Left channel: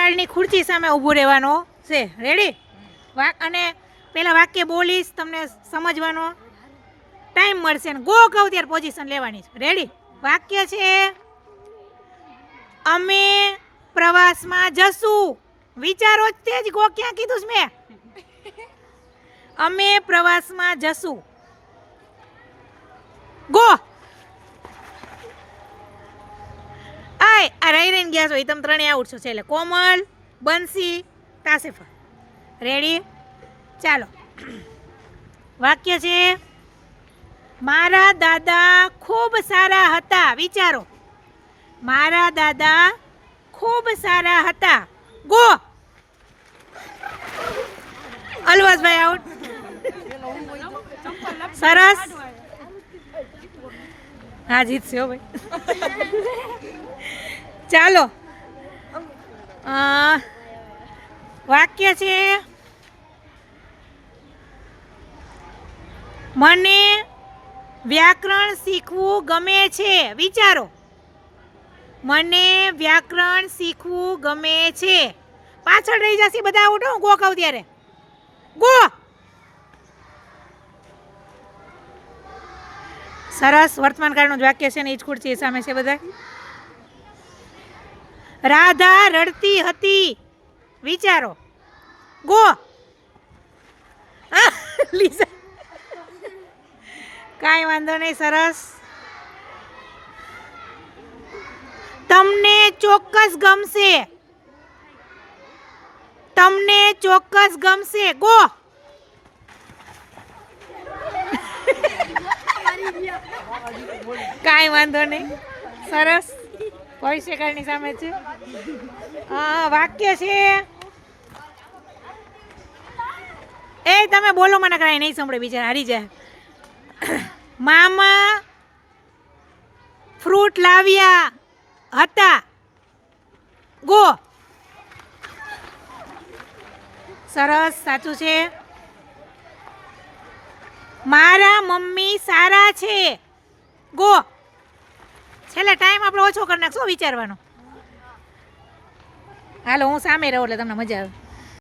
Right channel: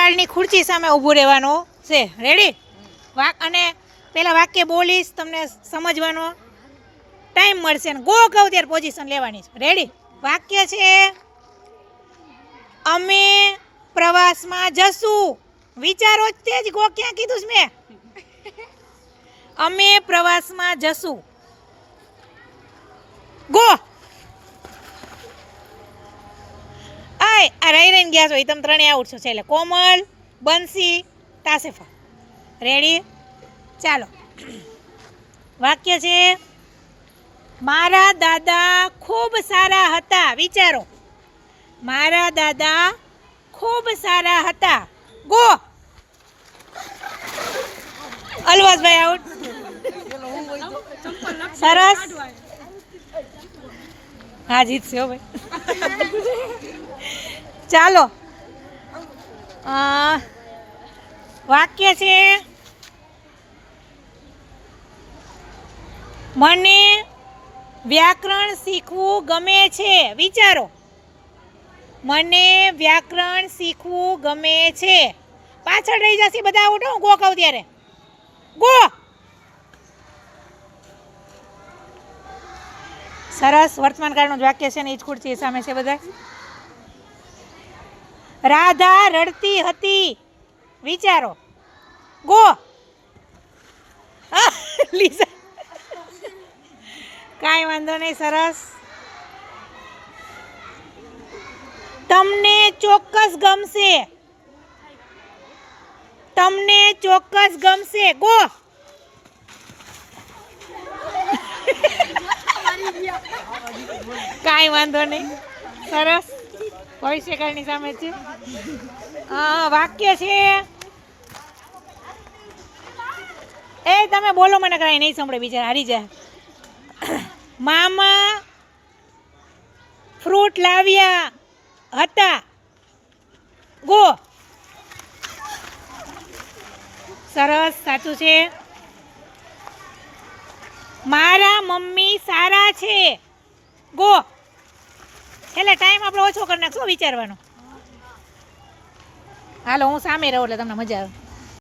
કાળની ખુરચી સામે ઊભું રહેવાનું છે. રેડી? અને પહેલાં વાક્ય બોલીશ, તમને સમજવાનો ટાઈમ મળશે ને ગો કહું ત્યારે પોઝિશન લેવાની છે. રેડી? વાક્ય છે અમે પ્રવાસમાં જશું. વિચારો તે જ ગો ક્યાં કીધું છે મેં? અમે પ્રવાસમાં જશું. ગો. આ રહી રહીને ગયા છો એ તમે ત્રણેય આઉટ છો. એટલે કોમલ, બંસી, તાસેફા. રેડી? ચાલો. વાક્ય છે મારા દાદા ખૂબ સારા હતા. વિચારો. મારા દાદા ખૂબ સારા હતા. ગો. અલવાસભાઈ આઉટ. સરસ. હા, જીતશે હો ભાઈ. ચાલો. વાક્ય છે મને વ્યાકરણ શીખવું ગમે છે. વિચારો. મને વ્યાકરણ શીખવું ગમે છે. પાછળ રહી જશે બધા આઉટ. હું ગો કહું ત્યારે ગો. સરસ. વર્તમાન કાળનું જ વાક્ય છે ને એ જ ખુરશી સામે છે બધા. રાધા રડતી હતી. વિચારો. ગો. લીઝા. કાંઈ વાંધો નહીં. સરસ. તમને ચોક્કસ ગમશે. તમને ચોક્કસ ગમશે. ગો. કાંઈ વાંધો નહીં. સરસ. ભવિષ્યકાળની સામે છે. વાક્ય છે એ તમે બોલો, મને કાંઈ નહીં સાંભળે, બિચારા હારી જાય. મામા ફ્રૂટ લાવ્યા હતા. ગો. સરસ. સાચું છે. મારા મમ્મી સારા છે. ગો. છેલ્લે ટાઈમ આપણો ઓછો કરી નાખશો વિચારવાનો. હાલો, હું સામે રહું એટલે તમને મજા આવે.